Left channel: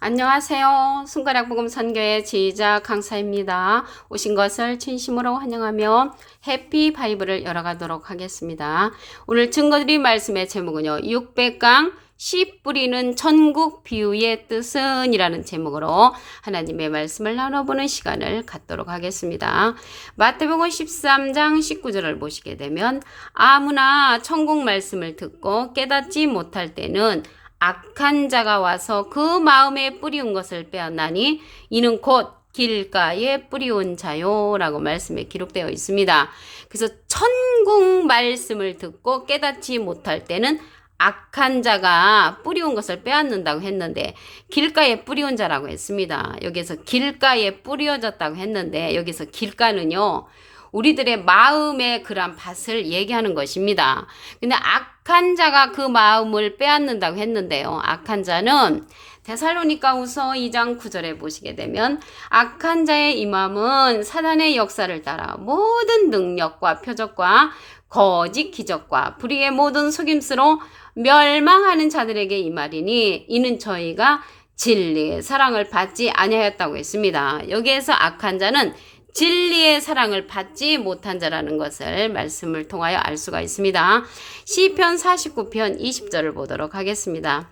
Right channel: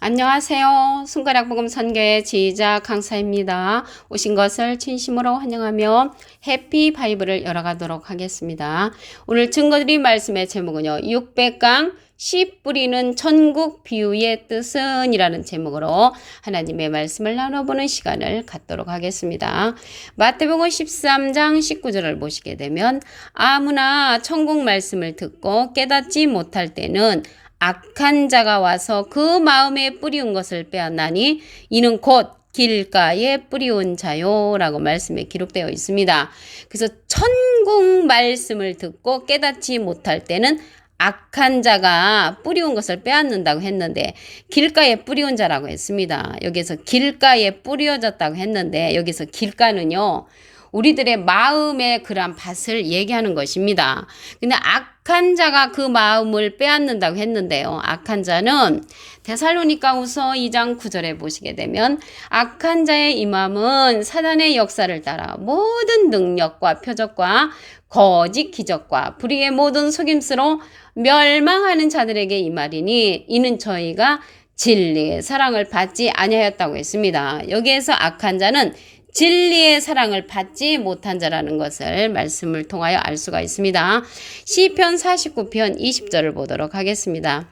안녕하세요. 손가락복음 선교의 지휘자 강사입니다. 오신 것을 진심으로 환영하며 해피 바이블을 열어가도록 하겠습니다. 오늘 증거드린 말씀의 제목은요. 600강 씨 뿌리는 천국 비유의 뜻은 이라는 제목으로 하나님의 말씀을 나눠보는 시간을 갖도록 하겠습니다. 마태복음 13장 19절을 보시게 되면 아무나 천국 말씀을 듣고 깨닫지 못할 때는 악한 자가 와서 그 마음에 뿌리운 것을 빼앗나니 이는 곧 길가에 뿌리온 자요 라고 말씀에 기록되어 있습니다. 그래서 천국 말씀을 듣고 깨닫지 못할 때는 악한 자가 뿌리온 것을 빼앗는다고 했는데 길가에 뿌리온 자라고 했습니다. 여기서 길가에 뿌려졌다고 했는데 여기서 길가는요. 우리들의 마음의 그러한 밭을 얘기하는 것입니다. 근데 악한 자가 그 마음을 빼앗는다고 했는데요. 악한 자는 데살로니가후서 2장 9절에 보시게 되면 악한 자의 이 마음은 사단의 역사를 따라 모든 능력과 표적과 거짓 기적과 불의의 모든 속임수로 멸망하는 자들에게 이 말이니 이는 저희가 진리의 사랑을 받지 아니하였다고 했습니다. 여기에서 악한 자는 진리의 사랑을 받지 못한 자라는 것을 말씀을 통하여 알 수가 있습니다. 시편 49편 20절을 보도록 하겠습니다.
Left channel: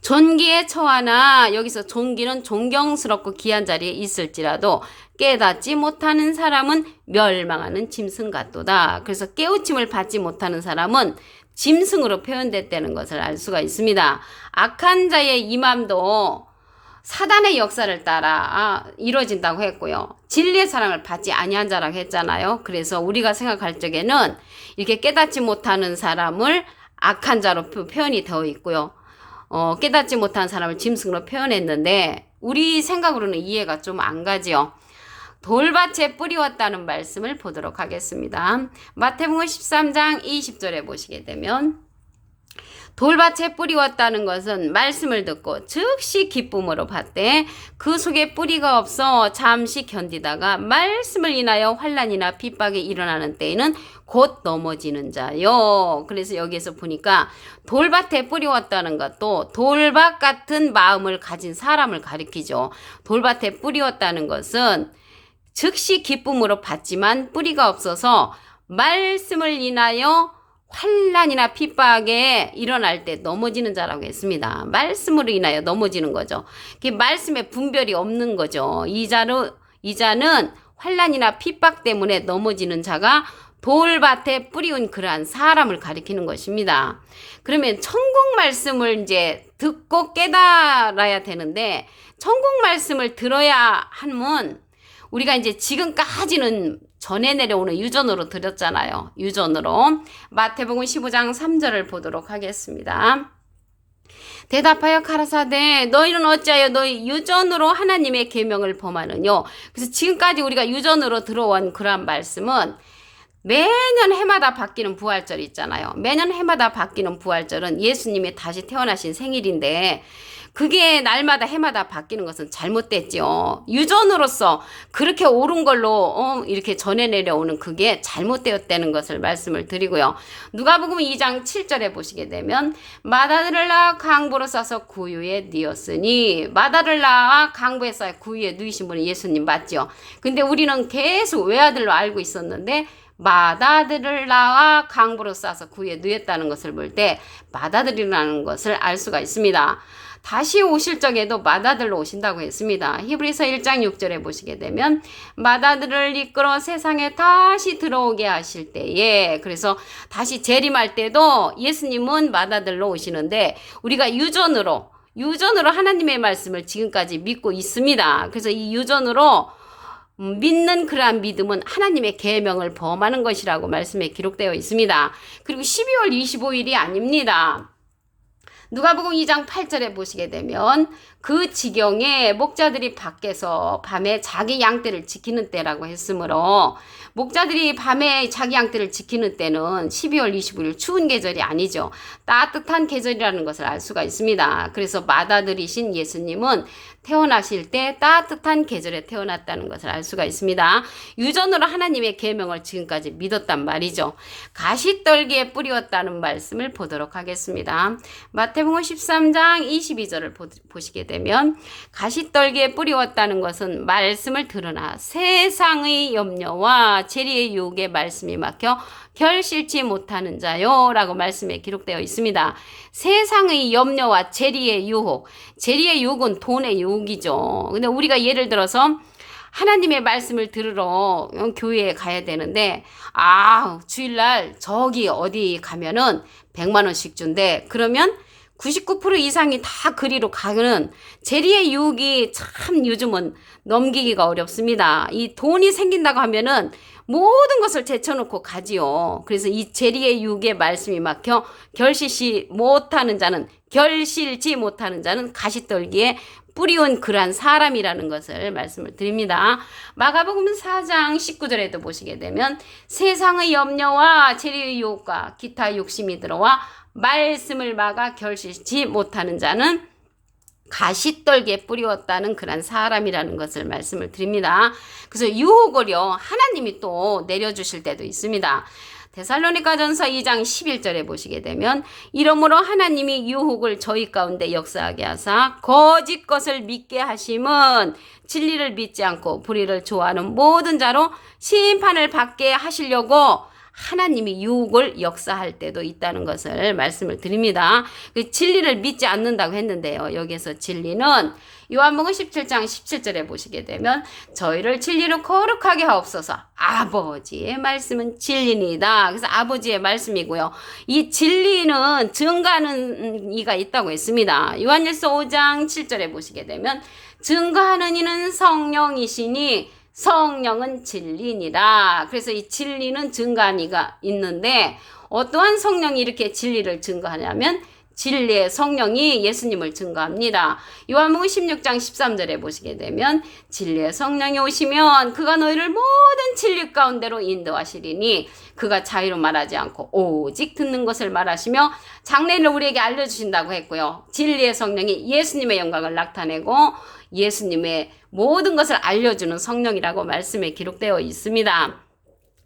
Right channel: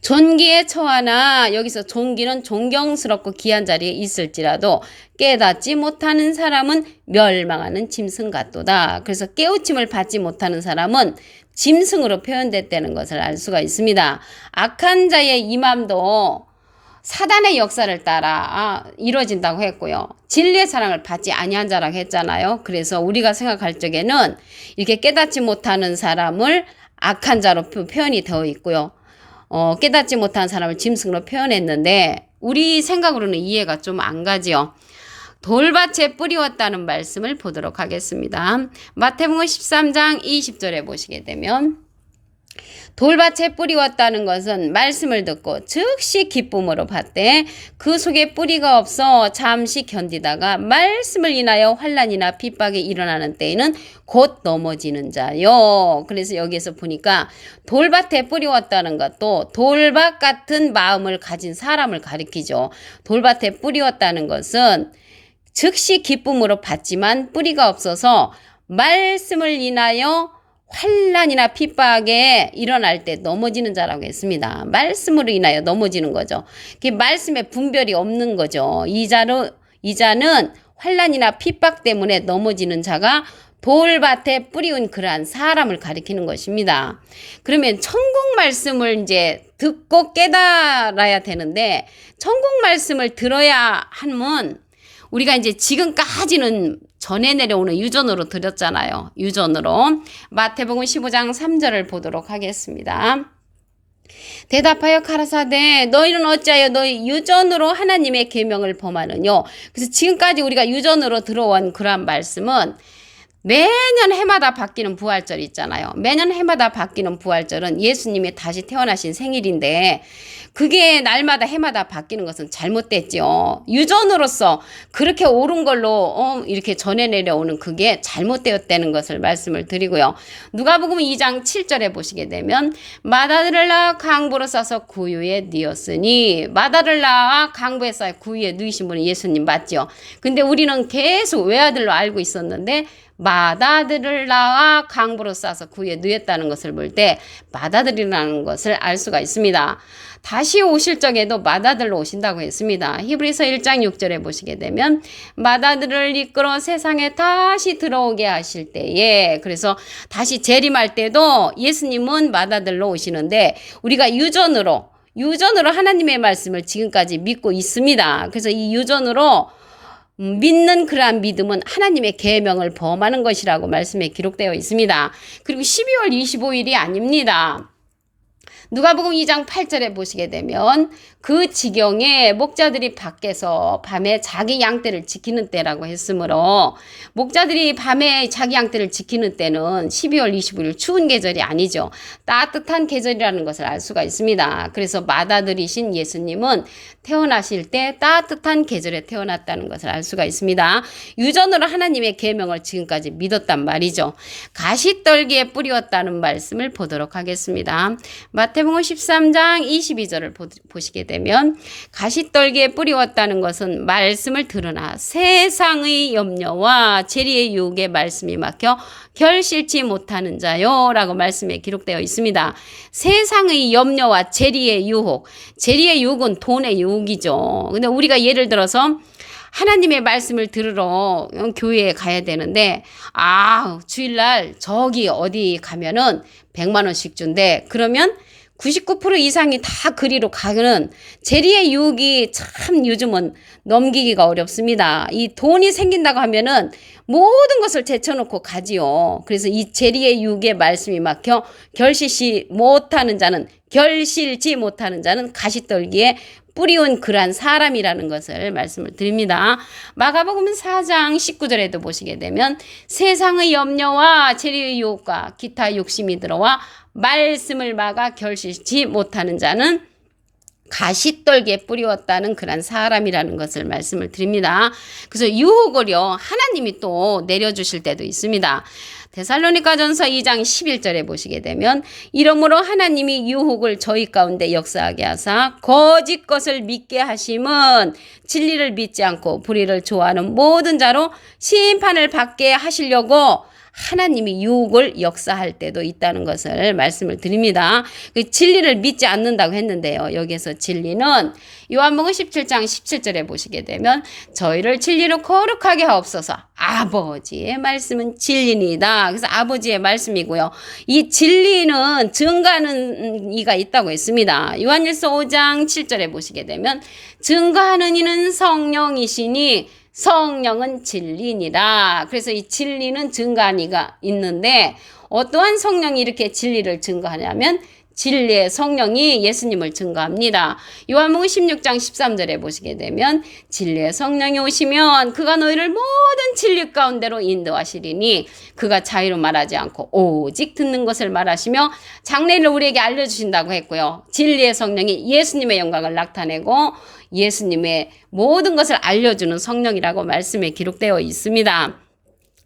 존귀에 처하나 여기서 존귀는 존경스럽고 귀한 자리에 있을지라도 깨닫지 못하는 사람은 멸망하는 짐승 같도다. 그래서 깨우침을 받지 못하는 사람은 짐승으로 표현됐다는 것을 알 수가 있습니다. 악한 자의 이 맘도 사단의 역사를 따라 이루어진다고 했고요. 진리의 사랑을 받지 아니한 자라고 했잖아요. 그래서 우리가 생각할 적에는 이렇게 깨닫지 못하는 사람을 악한 자로 표현이 되어 있고요. 깨닫지 못한 사람을 짐승으로 표현했는데 우리 생각으로는 이해가 좀 안 가지요. 돌밭에 뿌리웠다는 말씀을 보도록 하겠습니다. 마태복음 13장 20절에 보시게 되면 돌밭에 뿌리웠다는 것은 말씀을 듣고 즉시 기쁨으로 받되 그 속에 뿌리가 없어 잠시 견디다가 말씀을 인하여 환난이나 핍박이 일어나는 때에는 곧 넘어지는 자요. 그래서 여기에서 보니까 돌밭에 뿌리웠다는 것도 돌밭 같은 마음을 가진 사람을 가리키죠. 돌밭에 뿌리웠다는 것은 즉시 기쁨으로 받지만 뿌리가 없어서 말씀을 인하여 환난이나 핍박에 일어날 때 넘어지는 자라고 했습니다. 말씀으로 인하여 넘어지는 거죠. 말씀에 분별이 없는 거죠. 이 자는 환난이나 핍박 때문에 넘어지는 자가 돌밭에 뿌리운 그러한 사람을 가리키는 것입니다. 그러면 천국 말씀을 이제 듣고 깨달아야 되는데 천국 말씀을 들어야 하면 우리가 이제 지금까지는 전에 내려오는 유전으로 들었잖아요. 유전으로. 마태복음 15장 3절을 보도록 하겠습니다. 대답하여 가라사대 너희는 어찌하여 너희 유전으로 하나님의 계명을 범하느뇨. 그래서 지금까지 우리가 유전으로 들어온 그런 말씀은 매년 해마다 바뀌는 부활절 있잖아요. 매년 해마다 바뀌는 부활절은 예수님이 다시 태어나신 생일인데 그게 날마다 해마다 바뀌는 것은 잘못됐죠. 유전으로서 그렇게 옳은 걸로 이렇게 전해 내려오는 그게 잘못되었다는 것을 말씀을 드리고요. 누가복음 2장 7절에 보시게 되면 마다들을 낳아 강보로 싸서 구유에 뉘었으니 마다를 낳아 강보에 싸 구유에 누이신 분이 예수님 맞죠. 근데 우리는 계속 외아들로 알고 있었는데 마다들을 낳아 강보로 싸서 구유에 누였다는 것을 볼 때 마다들이라는 것을 알 수가 있습니다. 다시 오실 적에도 마다들로 오신다고 했습니다. 히브리서 1장 6절에 보시게 되면 마다들을 이끌어 세상에 다시 들어오게 하실 때에 그래서 다시 재림할 때도 예수님은 마다들로 오시는데 우리가 유전으로 하나님의 말씀을 지금까지 믿고 있습니다. 그래서 이 유전으로 믿는 그러한 믿음은 하나님의 계명을 범하는 것이라고 말씀에 기록되어 있습니다. 그리고 12월 25일이 아닙니다. 누가복음 2장 8절에 보시게 되면 그 지경에 목자들이 밖에서 밤에 자기 양떼를 지키는 때라고 했으므로 목자들이 밤에 자기 양떼를 지키는 때는 12월 25일 추운 계절이 아니죠. 따뜻한 계절이라는 것을 알 수가 있습니다. 그래서 맏아들이신 예수님은 태어나실 때 따뜻한 계절에 태어났다는 것을 알 수가 있습니다. 유전으로 하나님의 계명을 지금까지 믿었단 말이죠. 가시떨기에 뿌리웠다는 말씀을 보도록 하겠습니다. 마태 마태복음 13장 22절을 보시게 되면 가시떨기에 뿌리웠다는 것은 말씀을 들으나 세상의 염려와 재리의 유혹에 말씀이 막혀 결실치 못하는 자요 라고 말씀에 기록되어 있습니다. 세상의 염려와 재리의 유혹, 재리의 유혹은 돈의 유혹이죠. 근데 우리가 예를 들어서 하나님의 말씀을 들으러 교회에 가야 되는데 주일날 저기 어디 가면은 100만 원씩 준대. 그러면 99% 이상이 다 그리로 가는 재리의 유혹이 참 요즘은 넘기기가 어렵습니다. 이 돈이 생긴다고 하면은 모든 것을 제쳐놓고 가지요. 그래서 이 재리의 유혹에 말씀이 막혀 결실치 못하는 자는 가시떨기에 뿌리온 그러한 사람이라는 것을 말씀을 드립니다. 마가복음 4장 19절에도 보시게 되면 세상의 염려와 재리의 유혹과 기타 욕심이 들어와 말씀을 막아 결실치 못하는 자는 가시떨기에 뿌리웠다는 그런 사람이라는 것을 말씀을 드립니다. 그래서 유혹을요 하나님이 또 내려주실 때도 있습니다. 데살로니가전서 2장 11절에 보시게 되면 이러므로 하나님이 유혹을 저희 가운데 역사하게 하사 거짓 것을 믿게 하심은 진리를 믿지 않고 불의를 좋아하는 모든 자로 심판을 받게 하시려고 하나님이 유혹을 역사할 때도 있다는 것을 말씀을 드립니다. 진리를 믿지 않는다고 했는데요. 여기서 진리는 요한복음 17장 17절에 보시게 되면 저희를 진리로 거룩하게 하옵소서. 아버지의 말씀은 진리니다. 그래서 아버지의 말씀이고요. 이 진리는 증거하는 이가 있다고 했습니다. 요한일서 5장 7절에 보시게 되면 증거하는 이는 성령이시니 성령은 진리니라. 그래서 이 진리는 증거한 이가 있는데 어떠한 성령이 이렇게 진리를 증거하냐면 진리의 성령이 예수님을 증거합니다. 요한복음 16장 13절에 보시게 되면 진리의 성령이 오시면 그가 너희를 모든 진리 가운데로 인도하시리니 그가 자유로 말하지 않고 오직 듣는 것을 말하시며 장래를 우리에게 알려주신다고 했고요. 진리의 성령이 예수님의 영광을 나타내고 예수님의 모든 것을 알려주는 성령이라고 말씀에 기록되어 있습니다.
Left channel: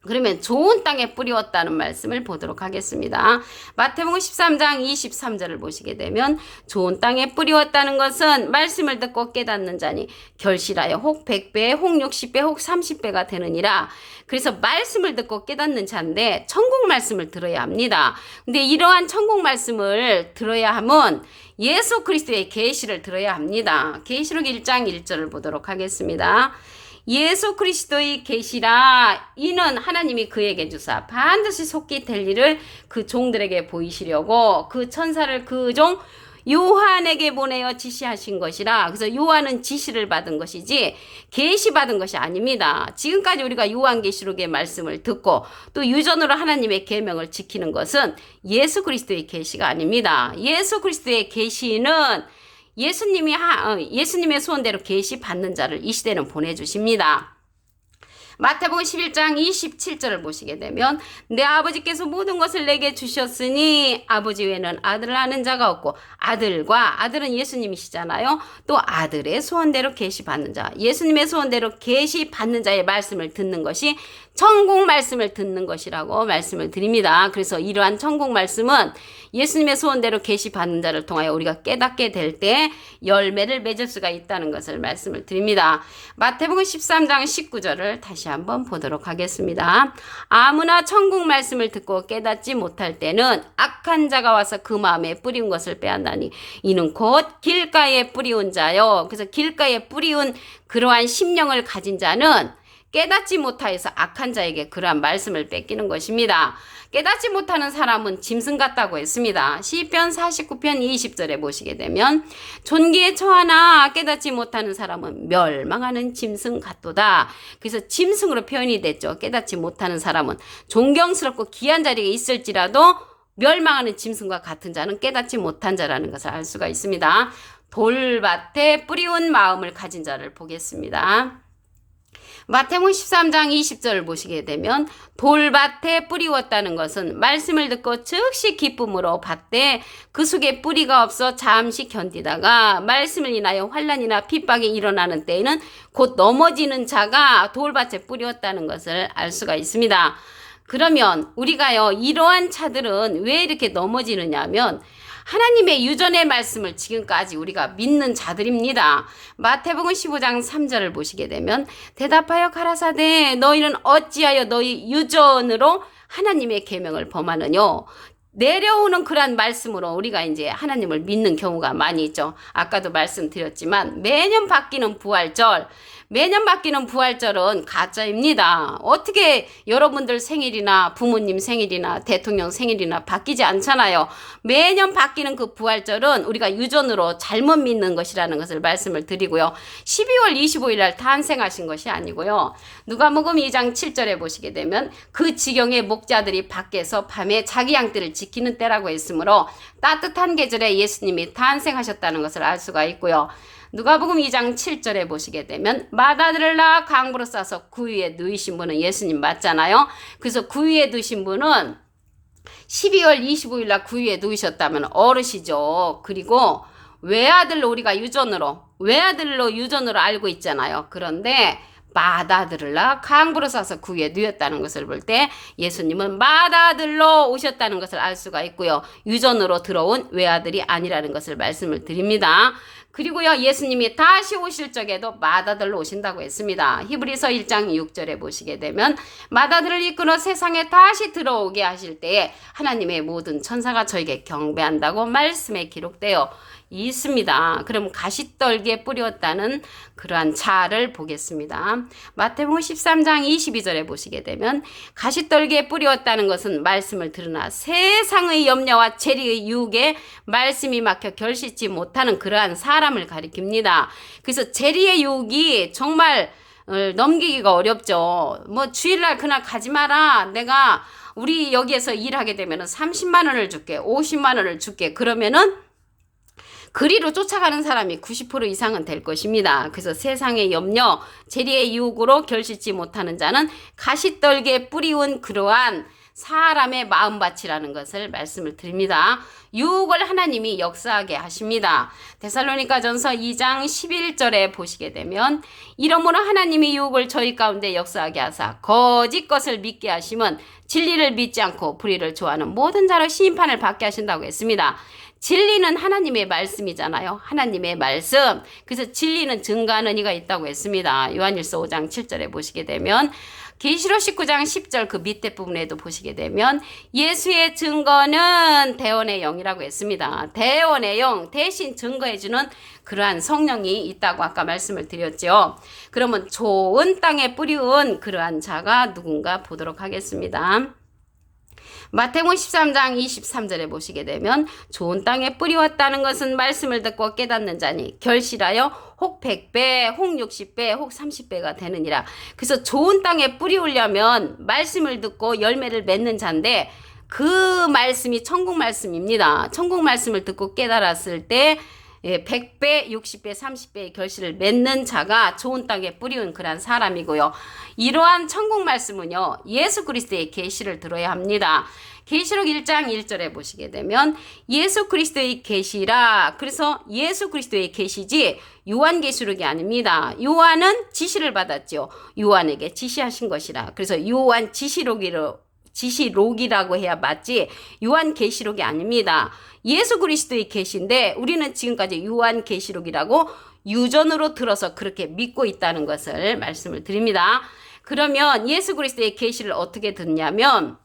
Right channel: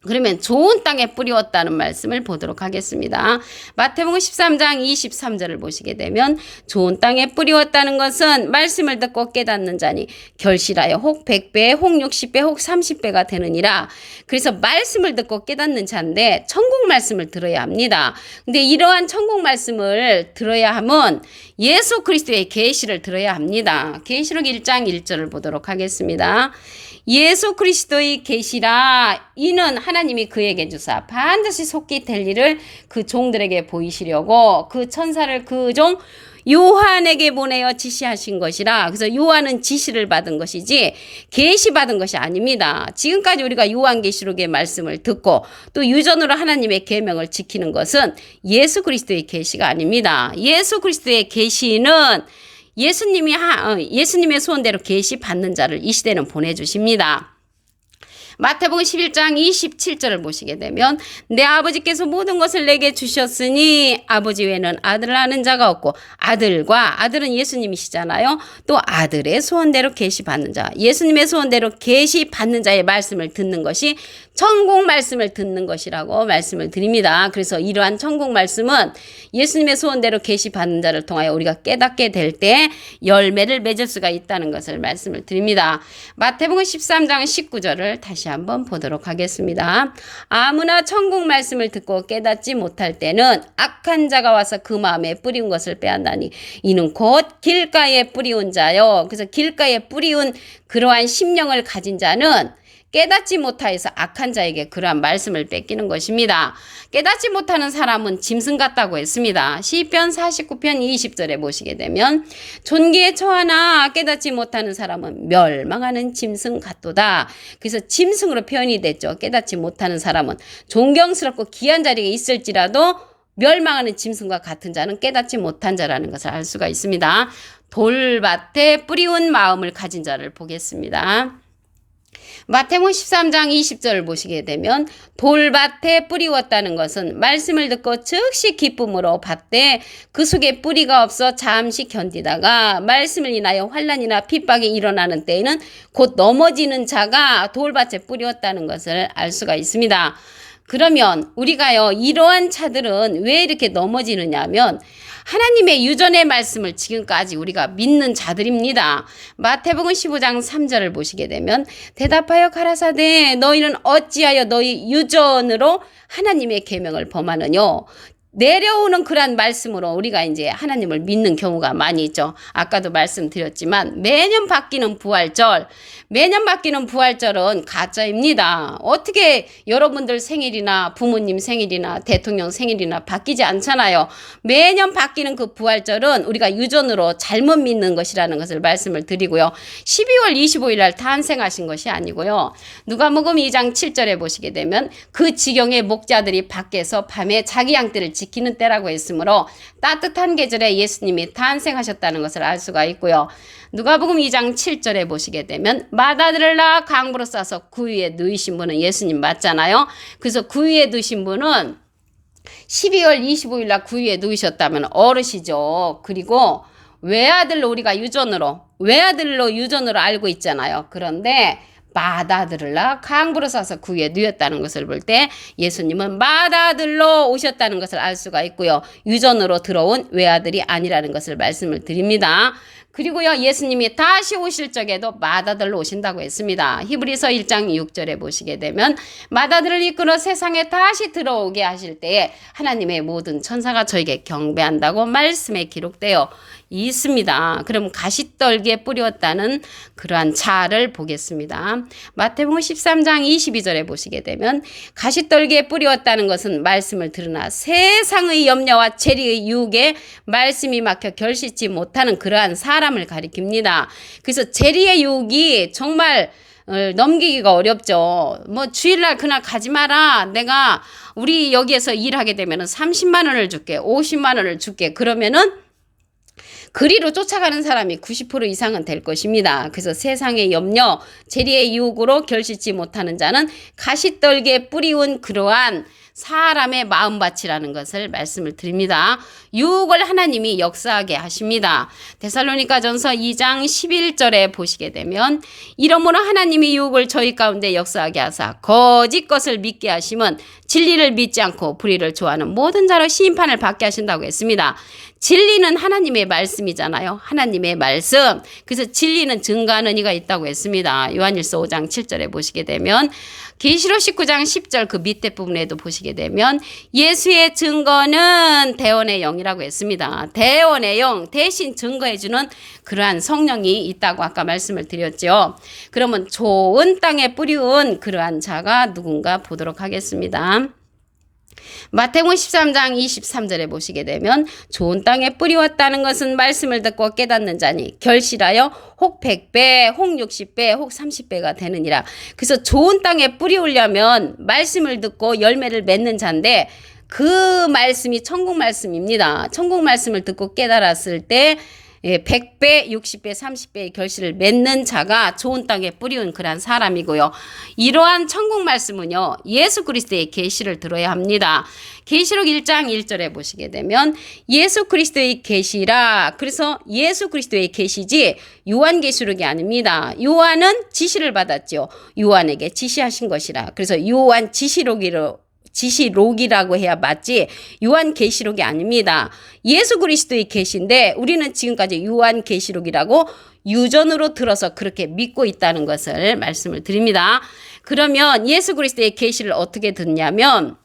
그러면 좋은 땅에 뿌리웠다는 말씀을 보도록 하겠습니다. 마태복음 13장 23절을 보시게 되면 좋은 땅에 뿌리웠다는 것은 말씀을 듣고 깨닫는 자니 결실하여 혹 100배, 혹 60배, 혹 30배가 되느니라. 그래서 말씀을 듣고 깨닫는 자인데 천국 말씀을 들어야 합니다. 근데 이러한 천국 말씀을 들어야 하면 예수 그리스도의 계시를 들어야 합니다. 계시록 1장 1절을 보도록 하겠습니다. 예수 그리스도의 계시라 이는 하나님이 그에게 주사 반드시 속히 될 일을 그 종들에게 보이시려고 그 천사를 그 종 요한에게 보내어 지시하신 것이라. 그래서 요한은 지시를 받은 것이지 계시 받은 것이 아닙니다. 지금까지 우리가 요한계시록의 말씀을 듣고 또 유전으로 하나님의 계명을 지키는 것은 예수 그리스도의 계시가 아닙니다. 예수 그리스도의 계시는 예수님의 소원대로 계시 받는 자를 이 시대는 보내주십니다. 마태복음 11장 27절을 보시게 되면 내 아버지께서 모든 것을 내게 주셨으니 아버지 외에는 아들을 아는 자가 없고 아들은 예수님이시잖아요. 또 아들의 소원대로 계시 받는 자, 예수님의 소원대로 계시 받는 자의 말씀을 듣는 것이 천국 말씀을 듣는 것이라고 말씀을 드립니다. 그래서 이러한 천국 말씀은 예수님의 소원대로 계시 받는 자를 통하여 우리가 깨닫게 될 때 열매를 맺을 수가 있다는 것을 말씀을 드립니다. 마태복음 13장 19절을 다시 한번 보도록 하겠습니다. 아무나 천국 말씀을 듣고 깨닫지 못할 때는 악한 자가 와서 그 마음에 뿌린 것을 빼앗나니 이는 곧 길가에 뿌리온 자요. 그래서 길가에 뿌리온 그러한 심령을 가진 자는 깨닫지 못하여서 악한 자에게 그러한 말씀을 뺏기는 것입니다. 깨닫지 못하는 사람은 짐승 같다고 했습니다. 시편 49편 20절에 보시게 되면 존귀에 처하나 깨닫지 못하는 사람은 멸망하는 짐승 같도다. 그래서 짐승으로 표현이 됐죠. 깨닫지 못하는 사람은 존경스럽고 귀한 자리에 있을지라도 멸망하는 짐승과 같은 자는 깨닫지 못한 자라는 것을 알 수가 있습니다. 돌밭에 뿌리온 마음을 가진 자를 보겠습니다. 마태복음 13장 20절을 보시게 되면 돌밭에 뿌리웠다는 것은 말씀을 듣고 즉시 기쁨으로 받되 그 속에 뿌리가 없어 잠시 견디다가 말씀을 인하여 환난이나 핍박이 일어나는 때에는 곧 넘어지는 자가 돌밭에 뿌리웠다는 것을 알 수가 있습니다. 그러면 우리가요 이러한 자들은 왜 이렇게 넘어지느냐 하면 하나님의 유전의 말씀을 지금까지 우리가 믿는 자들입니다. 마태복음 15장 3절을 보시게 되면 대답하여 가라사대 너희는 어찌하여 너희 유전으로 하나님의 계명을 범하느뇨. 내려오는 그러한 말씀으로 우리가 이제 하나님을 믿는 경우가 많이 있죠. 아까도 말씀드렸지만 매년 바뀌는 부활절은 가짜입니다. 어떻게 여러분들 생일이나 부모님 생일이나 대통령 생일이나 바뀌지 않잖아요. 매년 바뀌는 그 부활절은 우리가 유전으로 잘못 믿는 것이라는 것을 말씀을 드리고요. 12월 25일 날 탄생하신 것이 아니고요. 누가복음 2장 7절에 보시게 되면 그 지경의 목자들이 밖에서 밤에 자기 양떼를 지키는 때라고 했으므로 따뜻한 계절에 예수님이 탄생하셨다는 것을 알 수가 있고요. 누가복음 2장 7절에 보시게 되면 맏아들을 낳아 강부로 싸서 구유에 누이신 분은 예수님 맞잖아요. 그래서 구유에 누이신 분은 12월 25일 날 구유에 누이셨다면 어르시죠. 그리고 외아들로 우리가 유전으로 알고 있잖아요. 그런데 맏아들을 낳아 강부로 싸서 구유에 누였다는 것을 볼 때 예수님은 맏아들로 오셨다는 것을 알 수가 있고요. 유전으로 들어온 외아들이 아니라는 것을 말씀을 드립니다. 그리고요, 예수님이 다시 오실 적에도 맏아들로 오신다고 했습니다. 히브리서 1장 6절에 보시게 되면 맏아들을 이끌어 세상에 다시 들어오게 하실 때에 하나님의 모든 천사가 저에게 경배한다고 말씀에 기록되어 있습니다. 그럼 가시떨기에 뿌렸다는 그러한 자를 보겠습니다. 마태복음 13장 22절에 보시게 되면 가시떨기에 뿌렸다는 것은 말씀을 들으나 세상의 염려와 재리의 유혹에 말씀이 막혀 결실치 못하는 그러한 사람을 가리킵니다. 그래서 재리의 유혹이 정말 넘기기가 어렵죠. 뭐 주일날 그날 가지 마라. 내가 우리 여기에서 일하게 되면 30만 원을 줄게. 50만 원을 줄게. 그러면은 그리로 쫓아가는 사람이 90% 이상은 될 것입니다. 그래서 세상의 염려, 재리의 유혹으로 결실치 못하는 자는 가시떨기에 뿌리운 그러한 사람의 마음밭이라는 것을 말씀을 드립니다. 유혹을 하나님이 역사하게 하십니다. 데살로니가전서 2장 11절에 보시게 되면 이러므로 하나님이 유혹을 저희 가운데 역사하게 하사 거짓 것을 믿게 하시면 진리를 믿지 않고 불의를 좋아하는 모든 자로 심판을 받게 하신다고 했습니다. 진리는 하나님의 말씀이잖아요. 하나님의 말씀. 그래서 진리는 증거하는 이가 있다고 했습니다. 요한일서 5장 7절에 보시게 되면 계시록 19장 10절 그 밑에 부분에도 보시게 되면 예수의 증거는 대원의 영이라고 했습니다. 대원의 영 대신 증거해주는 그러한 성령이 있다고 아까 말씀을 드렸죠. 그러면 좋은 땅에 뿌리운 그러한 자가 누군가 보도록 하겠습니다. 마태복음 13장 23절에 보시게 되면 좋은 땅에 뿌리웠다는 것은 말씀을 듣고 깨닫는 자니 결실하여 혹 100배, 혹 60배, 혹 30배가 되느니라. 그래서 좋은 땅에 뿌리우려면 말씀을 듣고 열매를 맺는 자인데 그 말씀이 천국 말씀입니다. 천국 말씀을 듣고 깨달았을 때 100배, 60배, 30배의 결실을 맺는 자가 좋은 땅에 뿌리운 그런 사람이고요. 이러한 천국 말씀은요. 예수 그리스도의 계시를 들어야 합니다. 계시록 1장 1절에 보시게 되면 예수 그리스도의 계시라. 그래서 예수 그리스도의 계시지 요한계시록이 아닙니다. 요한은 지시를 받았죠. 요한에게 지시하신 것이라. 그래서 요한 지시록이라고 해야 맞지 요한계시록이 아닙니다. 예수 그리스도의 계시인데 우리는 지금까지 요한계시록이라고 유전으로 들어서 그렇게 믿고 있다는 것을 말씀을 드립니다. 그러면 예수 그리스도의 계시를 어떻게 듣냐면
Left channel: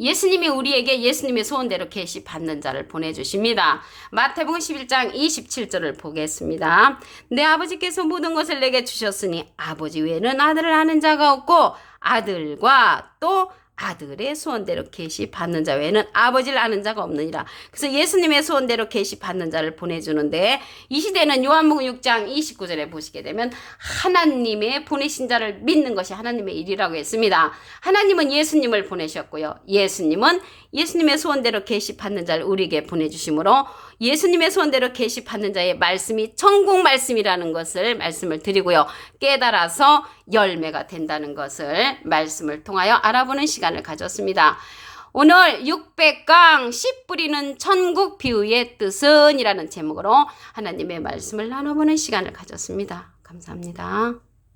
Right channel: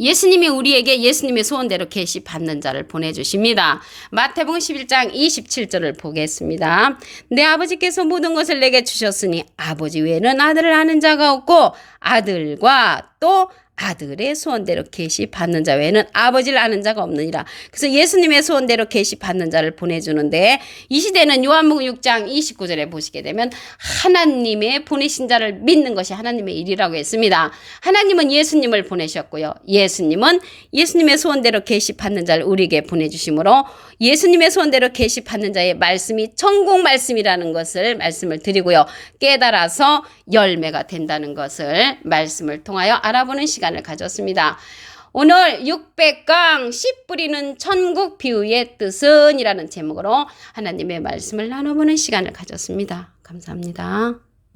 예수님이 우리에게 예수님의 소원대로 계시 받는 자를 보내주십니다. 마태복음 11장 27절을 보겠습니다. 내 아버지께서 모든 것을 내게 주셨으니 아버지 외에는 아들을 아는 자가 없고 아들과 또 아들의 소원대로 계시 받는 자 외에는 아버지를 아는 자가 없느니라. 그래서 예수님의 소원대로 계시 받는 자를 보내주는데 이 시대는 요한복음 6장 29절에 보시게 되면 하나님의 보내신 자를 믿는 것이 하나님의 일이라고 했습니다. 하나님은 예수님을 보내셨고요. 예수님은 예수님의 소원대로 계시 받는 자를 우리에게 보내주심으로 예수님의 소원대로 계시 받는 자의 말씀이 천국 말씀이라는 것을 말씀을 드리고요. 깨달아서 열매가 된다는 것을 말씀을 통하여 알아보는 시간을 가졌습니다. 오늘 600강 씨 뿌리는 천국 비유의 뜻은 이라는 제목으로 하나님의 말씀을 나눠보는 시간을 가졌습니다. 감사합니다.